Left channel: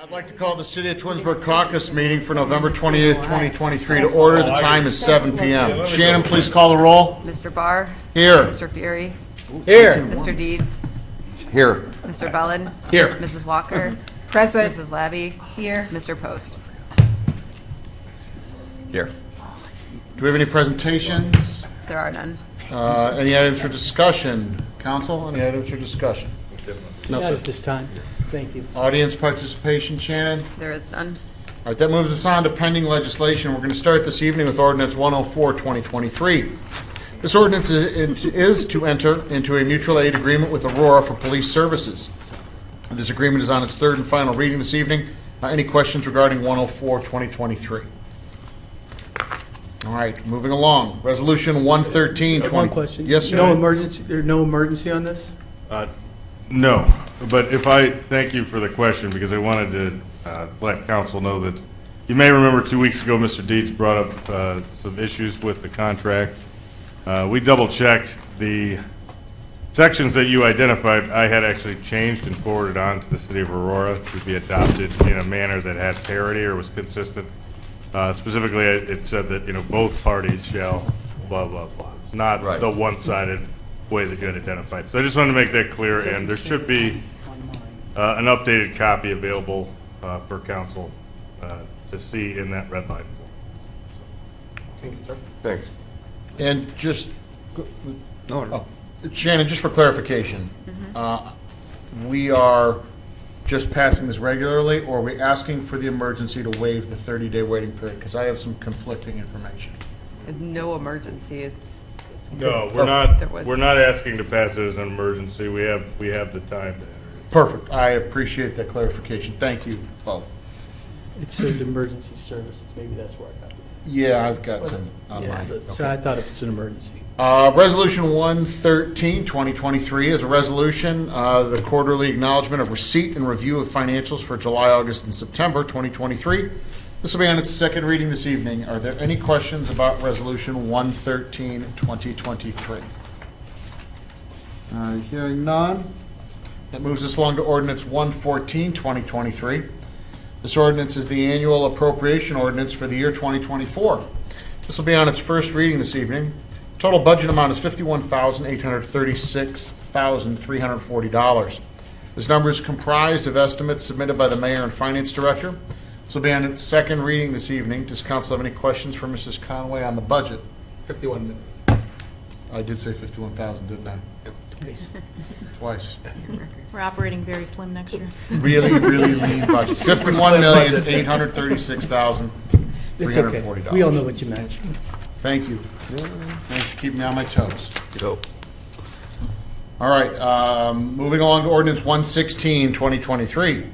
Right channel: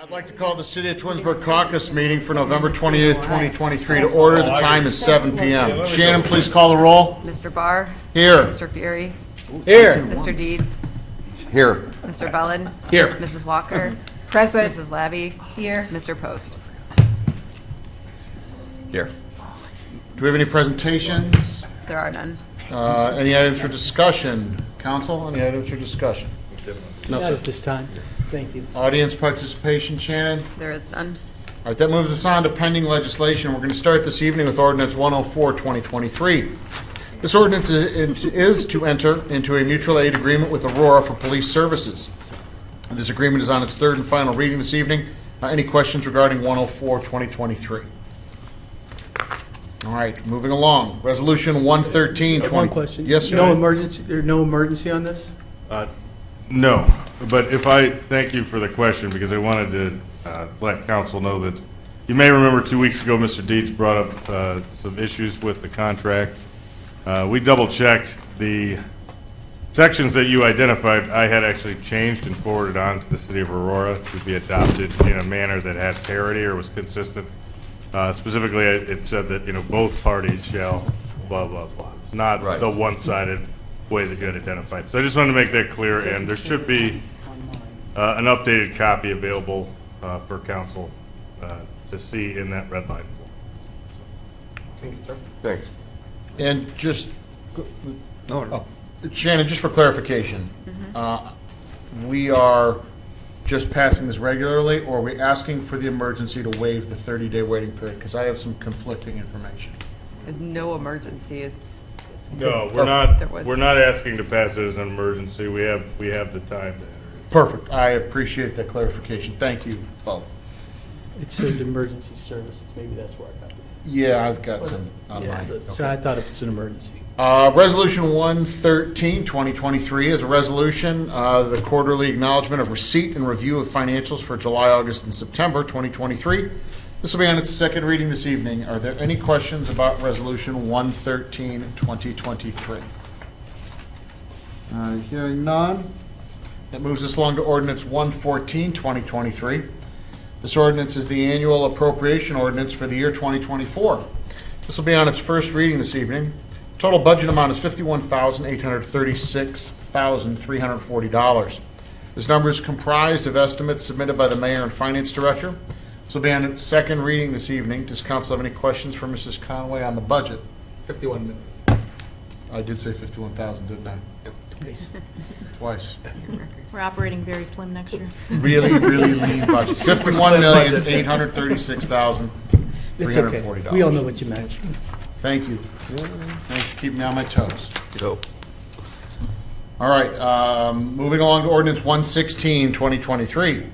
I'd like to call the City of Twinsburg Caucus meeting for November 28th, 2023 to order. The time is 7 p.m. Shannon, please call the roll. Mr. Barr? Here. Mr. Fury? Here. Mr. Deeds? Here. Mr. Bellin? Here. Mrs. Walker? Present. Mrs. Labby? Here. Mr. Post? Here. Do we have any presentations? There are none. Any items for discussion? Council, any items for discussion? No, Not sir. at this time. Thank you. Audience participation, Shannon? There is none. All right, that moves us on to pending legislation. We're going to start this evening with Ordinance 104, 2023. This ordinance is to enter into a mutual aid agreement with Aurora for police services. This agreement is on its third and final reading this evening. Any questions regarding 104, 2023? All right, moving along. Resolution 113, One question. Yes, No sir. emergency on this? No, but thank you for the question, because I wanted to let council know that you may remember 2 weeks ago, Mr. Dietz brought up some issues with the contract. We double-checked the sections that you identified. I had actually changed and forwarded on to the city of Aurora to be adopted in a manner that had parity or was consistent. Specifically, it said that, both parties shall blah, blah, blah. Not the one-sided way that you had identified. So I just wanted to make that clear, and there should be an updated copy available for council to see in that red line. Thank you, sir. Thanks. And just, Shannon, just for clarification, we are just passing this regularly, or are we asking for the emergency to waive the 30-day waiting period? Because I have some conflicting information. No emergency is. No, we're not asking to pass it as an emergency. We have the time to enter. Perfect. I appreciate that clarification. Thank you both. It says emergency services. Maybe that's where I got it. Yeah, I've got some on Yeah, mine. so I thought it was an emergency. Resolution 113, 2023 is a resolution, the quarterly acknowledgement of receipt and review of financials for July, August, and September 2023. This will be on its second reading this evening. Are there any questions about Resolution 113, 2023? Hearing none. That moves us along to Ordinance 114, 2023. This ordinance is the annual appropriation ordinance for the year 2024. This will be on its first reading this evening. Total budget amount is $51,836,340. This number is comprised of estimates submitted by the Mayor and Finance Director. This will be on its second reading this evening. Does council have any questions for Mrs. Conway on the budget? 51. I did say 51,000, didn't I? Nice. Twice. We're operating very slim next year. Really, really lean budget. $51,836,340. It's okay. We all know what you meant. Thank you. Thanks for keeping me on my toes. Go. All right, moving along to Ordinance 116, 2023.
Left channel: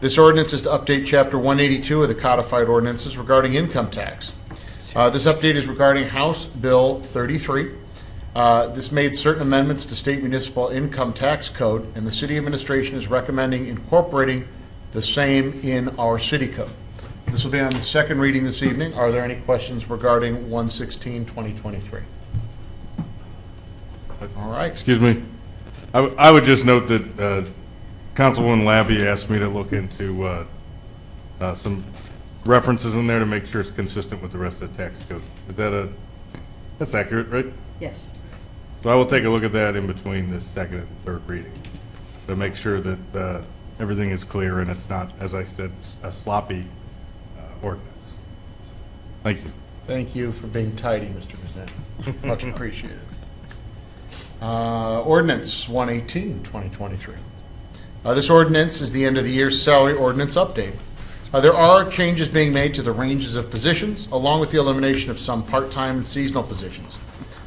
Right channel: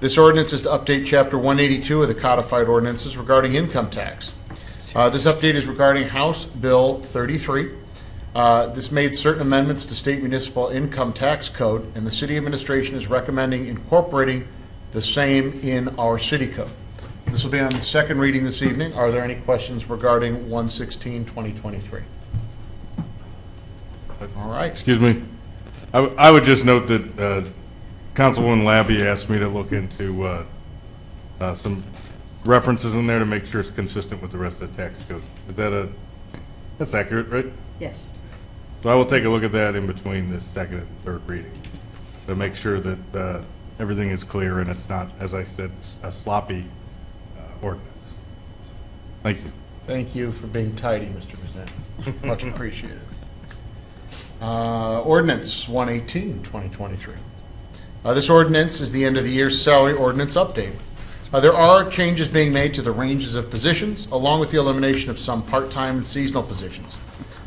This ordinance is to update Chapter 182 of the Codified Ordinances regarding income tax. This update is regarding House Bill 33. This made certain amendments to state municipal income tax code, and the city administration is recommending incorporating the same in our city code. This will be on the second reading this evening. Are there any questions regarding 116, 2023? All right. Excuse me. I would just note that Councilwoman Labby asked me to look into some references in there to make sure it's consistent with the rest of the tax code. That's accurate, right? Yes. So I will take a look at that in between the second and third reading to make sure that everything is clear and it's not, as I said, a sloppy ordinance. Thank you. Thank you for being tidy, Mr. President. Much appreciated. Ordinance 118, 2023. This ordinance is the end of the year salary ordinance update. There are changes being made to the ranges of positions, along with the elimination of some part-time and seasonal positions.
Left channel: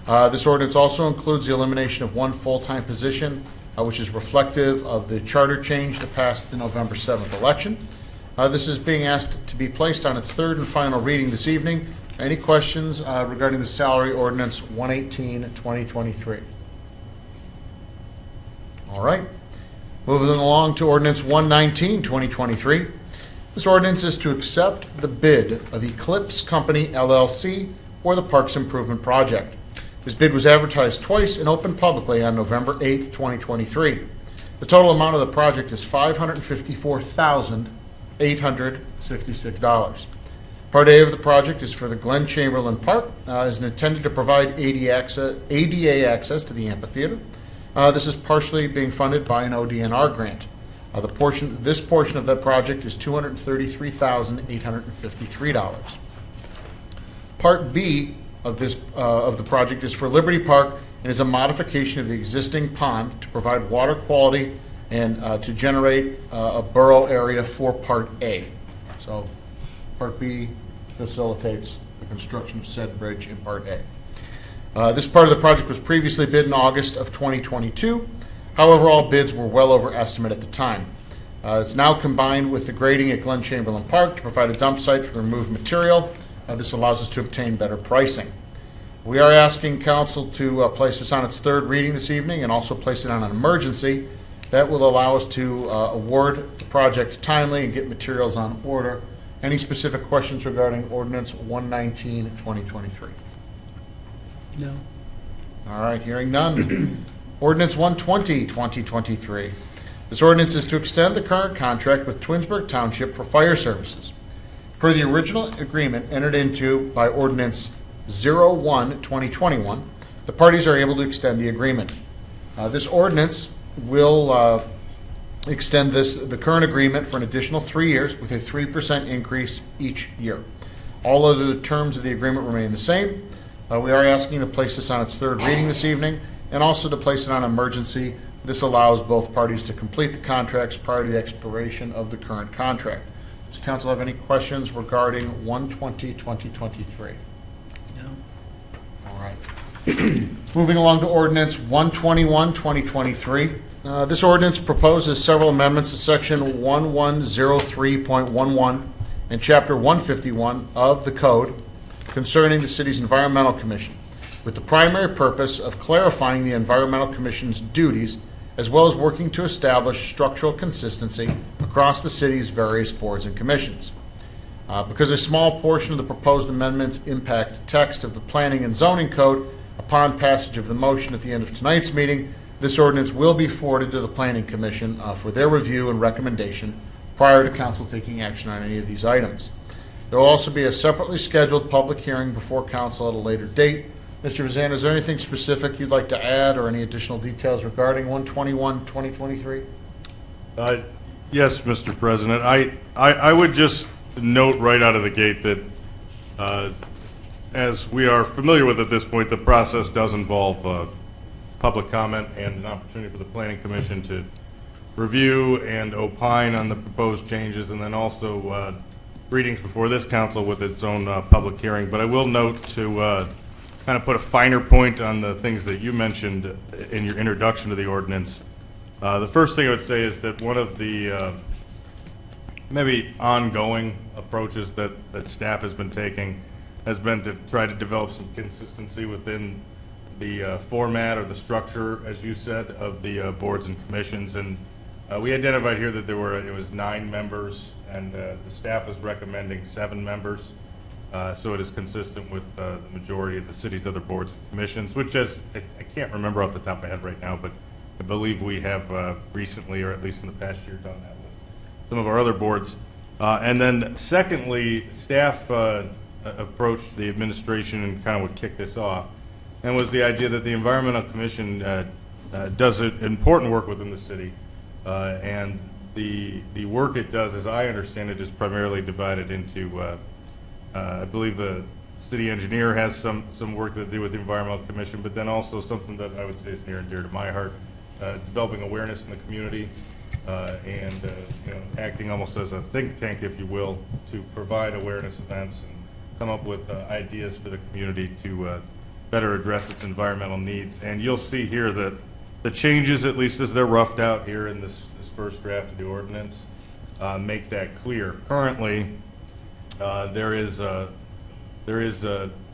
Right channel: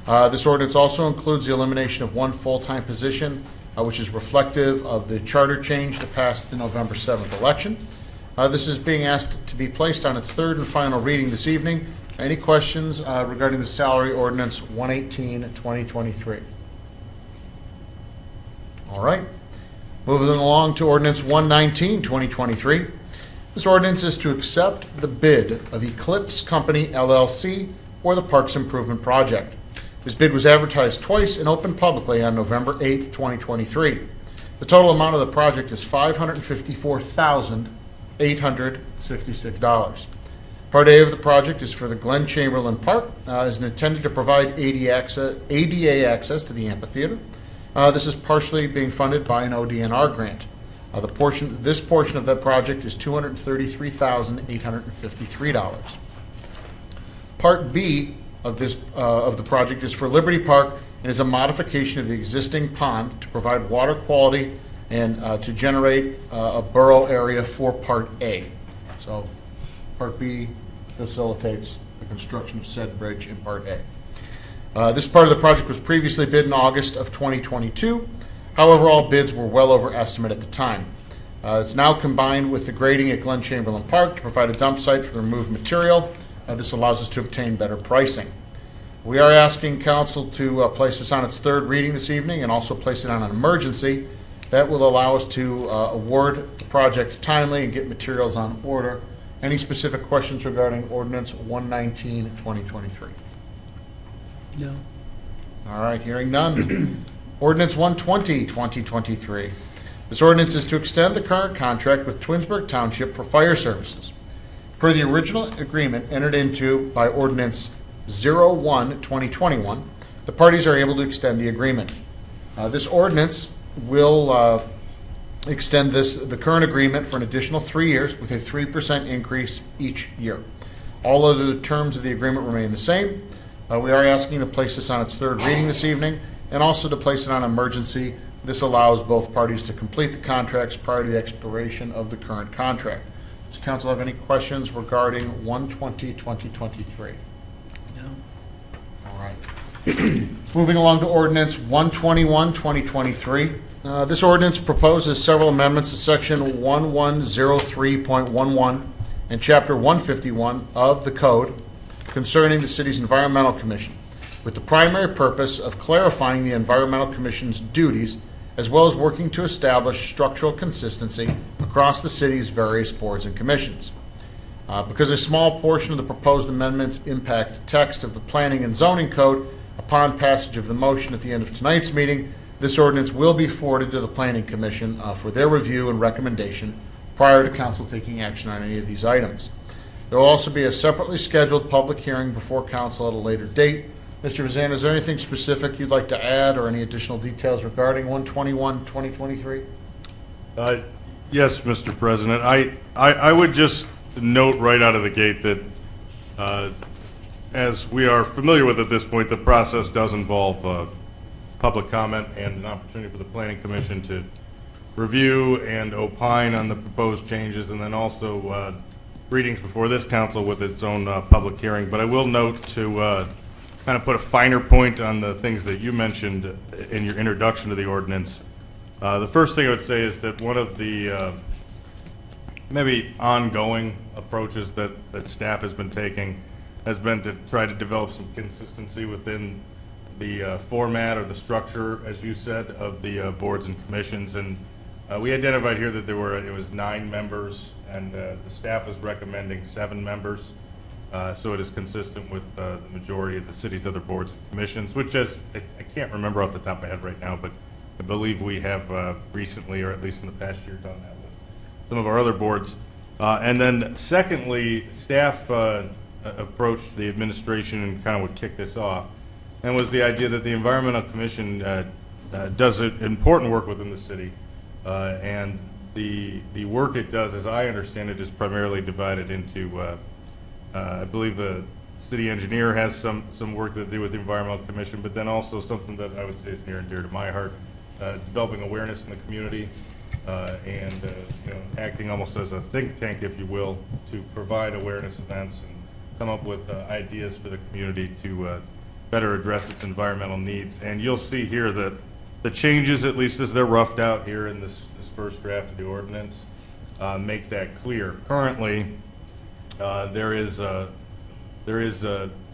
This ordinance also includes the elimination of one full-time position, which is reflective of the charter change that passed the November 7th election. This is being asked to be placed on its third and final reading this evening. Any questions regarding the salary ordinance 118, 2023? All right. Moving along to ordinance 119, 2023. This ordinance is to accept the bid of Eclipse Company, LLC, for the Parks Improvement Project. This bid was advertised twice and opened publicly on November 8th, 2023. The total amount of the project is $554,800. $866. Part A of the project is for the Glen Chamberlain Park, is intended to provide ADA access to the amphitheater. This is partially being funded by an ODNR grant. This portion of that project is $233,853. Part B of the project is for Liberty Park and is a modification of the existing pond to provide water quality and to generate a borough area for Part A. So Part B facilitates the construction of said bridge in Part A. This part of the project was previously bid in August of 2022. However, all bids were well over estimate at the time. It's now combined with the grading at Glen Chamberlain Park to provide a dump site for the removed material. This allows us to obtain better pricing. We are asking council to place this on its third reading this evening and also place it on an emergency. That will allow us to award the project timely and get materials on order. Any specific questions regarding Ordinance 119, 2023? No. All right, hearing none. Ordinance 120, 2023. This ordinance is to extend the current contract with Twinsburg Township for fire services. Per the original agreement entered into by Ordinance 01, 2021, the parties are able to extend the agreement. This ordinance will extend the current agreement for an additional 3 years with a 3% increase each year. All of the terms of the agreement remain the same. We are asking to place this on its third reading this evening and also to place it on emergency. This allows both parties to complete the contracts prior to the expiration of the current contract. Does council have any questions regarding 120, 2023? No. All right. Moving along to Ordinance 121, 2023. This ordinance proposes several amendments to Section 1103.11 and Chapter 151 of the Code concerning the city's Environmental Commission, with the primary purpose of clarifying the Environmental Commission's duties as well as working to establish structural consistency across the city's various boards and commissions. Because a small portion of the proposed amendments impact text of the Planning and Zoning Code, upon passage of the motion at the end of tonight's meeting, this ordinance will be forwarded to the Planning Commission for their review and recommendation prior to council taking action on any of these items. There will also be a separately scheduled public hearing before council at a later date. Mr. Vazan, is there anything specific you'd like to add or any additional details regarding 121, 2023? Yes, Mr. President. I would just note right out of the gate that as we are familiar with at this point, the process does involve public comment and an opportunity for the Planning Commission to review and opine on the proposed changes, and then also readings before this council with its own public hearing. But I will note to kind of put a finer point on the things that you mentioned in your introduction to the ordinance. The first thing I would say is that one of the maybe ongoing approaches that staff has been taking has been to try to develop some consistency within the format or the structure, as you said, of the boards and commissions. And we identified here that it was 9 members, and the staff is recommending 7 members. So it is consistent with the majority of the city's other boards and commissions, which is, I can't remember off the top of my head right now, but I believe we have recently, or at least in the past year, done that with some of our other boards. And then secondly, staff approached the administration and kind of would kick this off, and was the idea that the Environmental Commission does important work within the city, and the work it does, as I understand it, is primarily divided into I believe the city engineer has some work to do with the Environmental Commission, but then also something that I would say is near and dear to my heart, developing awareness in the community and acting almost as a think tank, if you will, to provide awareness events and come up with ideas for the community to better address its environmental needs. And you'll see here that the changes, at least as they're roughed out here in this first draft of the ordinance, make that clear. Currently, there is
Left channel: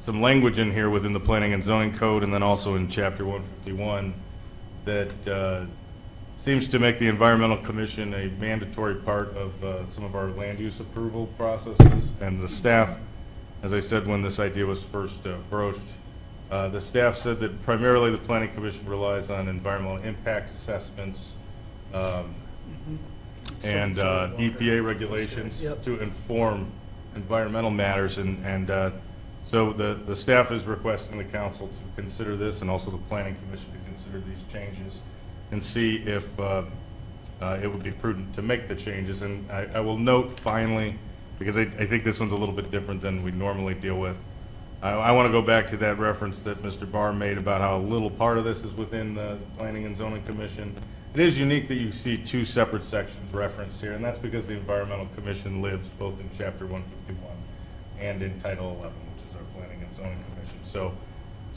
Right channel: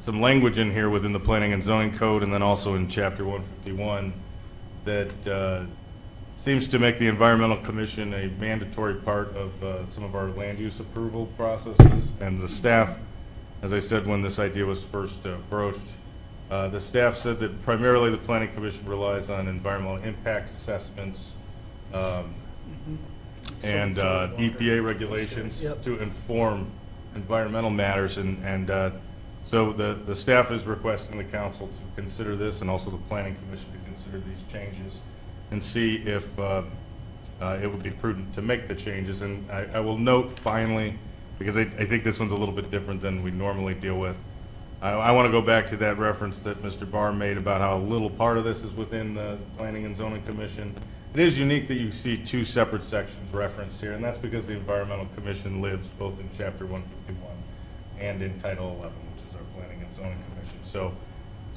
some language in here within the Planning and Zoning Code, and then also in Chapter 151, that seems to make the Environmental Commission a mandatory part of some of our land use approval processes. And the staff, as I said when this idea was first broached, the staff said that primarily the Planning Commission relies on environmental impact assessments, and EPA regulations Yep. to inform environmental matters, and so the staff is requesting the council to consider this, and also the planning commission to consider these changes and see if it would be prudent to make the changes. And I will note finally, because I think this one's a little bit different than we normally deal with, I want to go back to that reference that Mr. Barr made about how a little part of this is within the Planning and Zoning Commission. It is unique that you see two separate sections referenced here, and that's because the Environmental Commission lives both in Chapter 151 and in Title 11, which is our Planning and Zoning Commission. So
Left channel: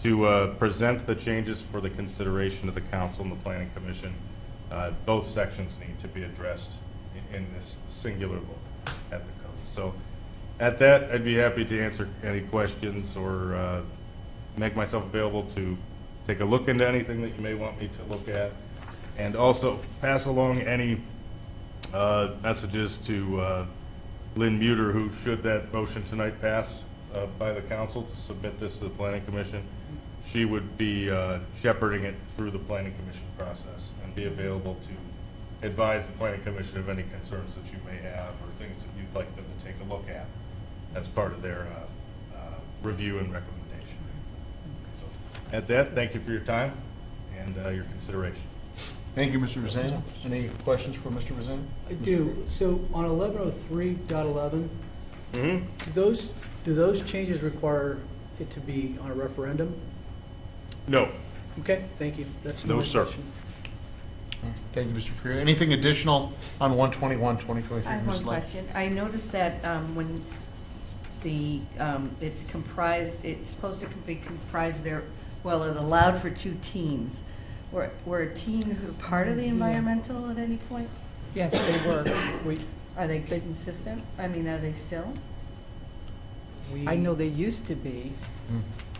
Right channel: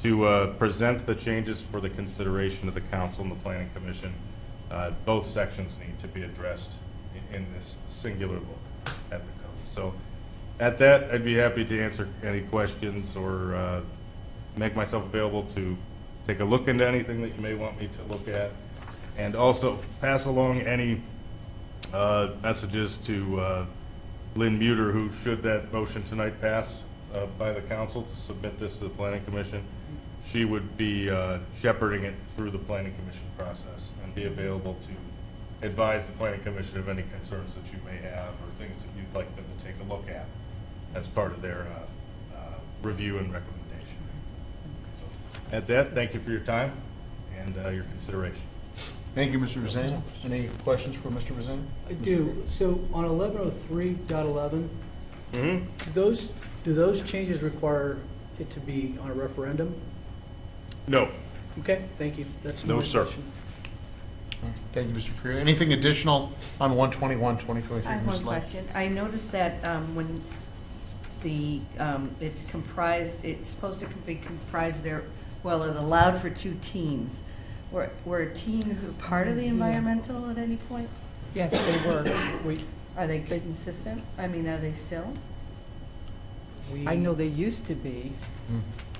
to present the changes for the consideration of the council and the Planning Commission, both sections need to be addressed in this singular look at the code. So at that, I'd be happy to answer any questions or make myself available to take a look into anything that you may want me to look at, and also pass along any messages to Lynn Muter, who, should that motion tonight pass by the council to submit this to the Planning Commission, she would be shepherding it through the Planning Commission process and be available to advise the Planning Commission of any concerns that you may have or things that you'd like them to take a look at as part of their review and recommendation. So, at that, thank you for your time and your consideration. Thank you, Mr. Vazan. Any questions for Mr. Vazan? I do. So on 1103.11, do those changes require it to be on a referendum? No. Okay, thank you. That's No, my sir. question. Thank you, Mr. Freer. Anything additional on 121, 2023? I have Ms. one Lang? question. I noticed that when the, it's comprised, it's supposed to be comprised there, well, it allowed for 2 teens. Were teens a part of the environmental at any point? Yes, they were. Are they consistent? I mean, are they still? I know they used to be.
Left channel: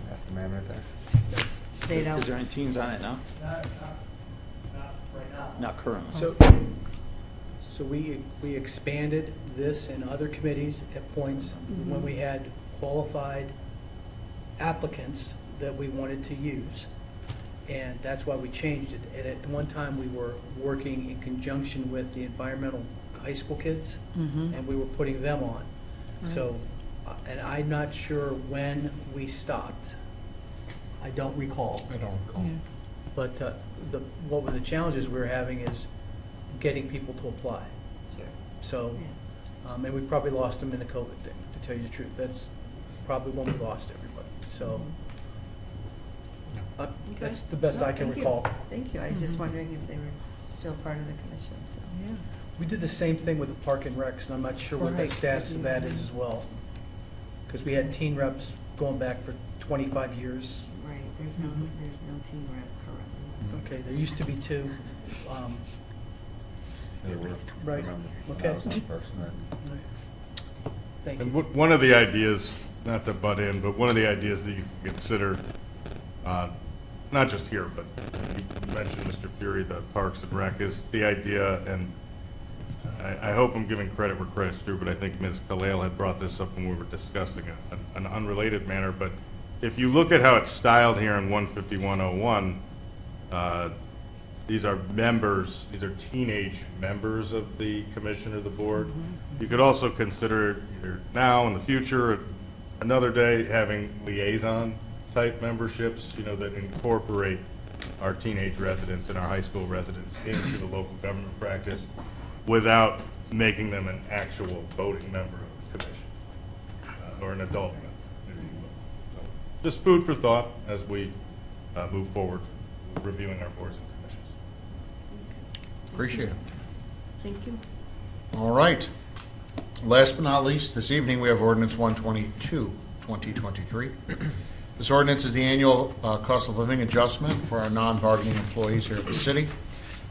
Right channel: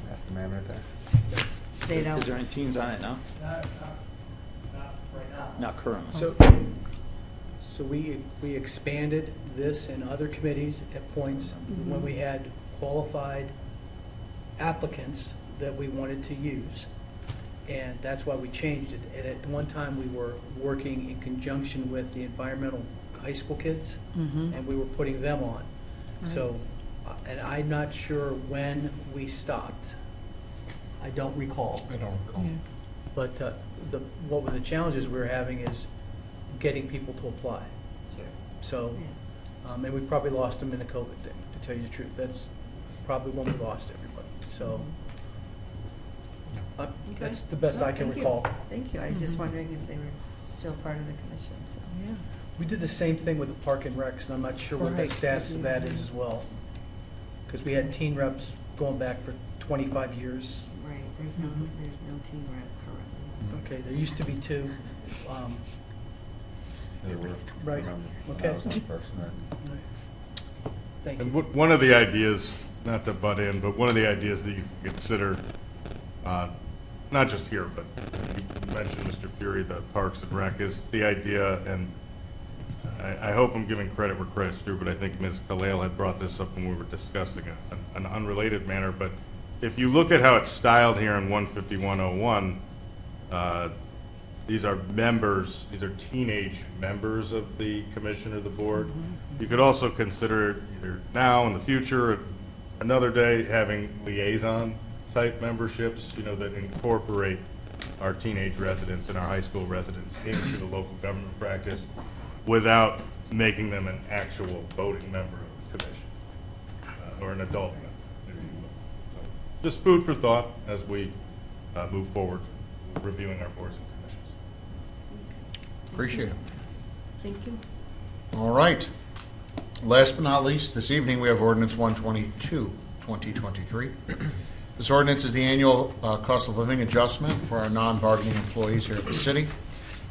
That's the man right there. They don't? Is there any teens on it now? Not currently. So we expanded this in other committees at points when we had qualified applicants that we wanted to use. And that's why we changed it. And at one time, we were working in conjunction with the environmental high school kids, and we were putting them on. So, and I'm not sure when we stopped. I don't recall. I don't recall. But what were the challenges we were having is getting people to apply. So, and we probably lost them in the COVID thing, to tell you the truth. That's probably when we lost everybody. So, that's the best I can Thank you. recall. Thank you. I was just wondering if they were still part of the commission, so, yeah. We did the same thing with the Park and Recs, and I'm not sure what the Right. status of that is as well. Because we had teen reps going back for 25 years. Right, there's no team rep currently. Okay, there used to be 2. Right, okay. Thank And you. one of the ideas, not to butt in, but one of the ideas that you can consider, not just here, but you mentioned, Mr. Fury, the Parks and Rec, is the idea, and I hope I'm giving credit where credit's due, but I think Ms. Kalale had brought this up when we were discussing an unrelated matter. But if you look at how it's styled here in 15101, these are members, these are teenage members of the commission or the board. You could also consider either now in the future, another day, having liaison type memberships, that incorporate our teenage residents and our high school residents into the local government practice without making them an actual voting member of the commission or an adult member, if you will. So just food for thought as we move forward reviewing our boards and commissions. Appreciate it. Thank you. All right. Last but not least, this evening we have ordinance 122, 2023. This ordinance is the annual cost of living adjustment for our non-bargaining employees here at the city.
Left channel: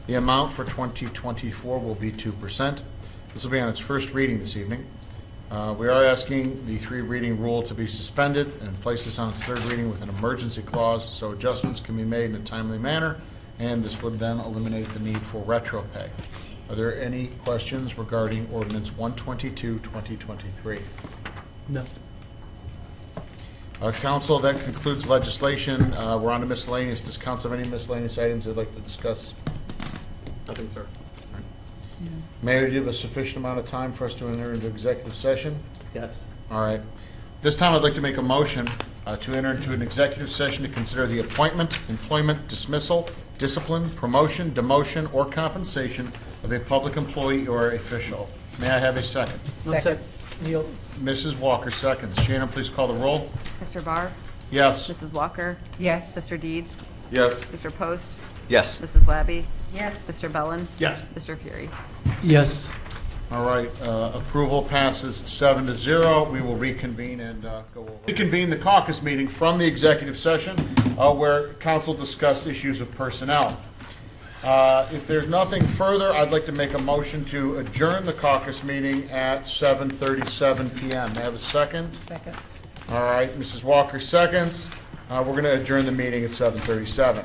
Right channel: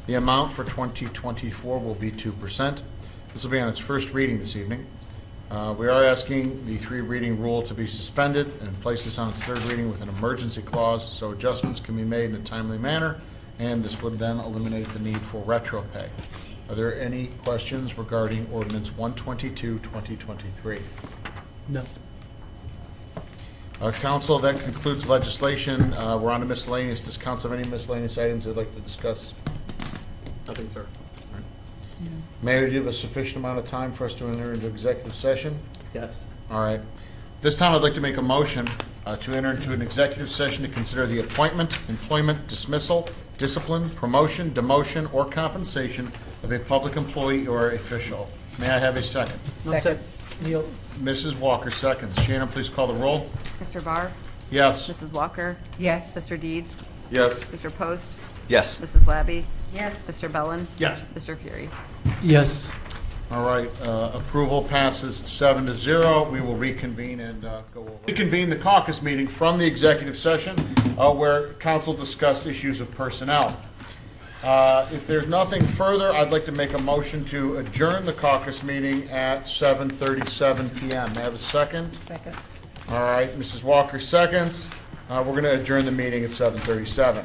The amount for 2024 will be 2%. This will be on its first reading this evening. We are asking the 3-reading rule to be suspended and place this on its 3rd reading with an emergency clause so adjustments can be made in a timely manner, and this would then eliminate the need for retro pay. Are there any questions regarding ordinance 122, 2023? No. Council, that concludes legislation. We're on to miscellaneous. Does council have any miscellaneous items they'd like to discuss? Nothing, sir. May we give a sufficient amount of time for us to enter into executive session? Yes. All right. This time I'd like to make a motion to enter into an executive session to consider the appointment, employment, dismissal, discipline, promotion, demotion, or compensation of a public employee or official. May I have a second? Second. Neil? Mrs. Walker seconds. Shannon, please call the roll. Mr. Barr? Yes. Mrs. Walker? Yes. Mr. Deeds? Yes. Mr. Post? Yes. Mrs. Labby? Yes. Mr. Bellin? Yes. Mr. Fury? Yes. All right, approval passes 7-0. We will reconvene and go over. Reconvene the caucus meeting from the executive session where council discussed issues of personnel. If there's nothing further, I'd like to make a motion to adjourn the caucus meeting at 7:37 PM. May I have a second? Second. All right, Mrs. Walker seconds. We're going to adjourn the meeting at 7:37.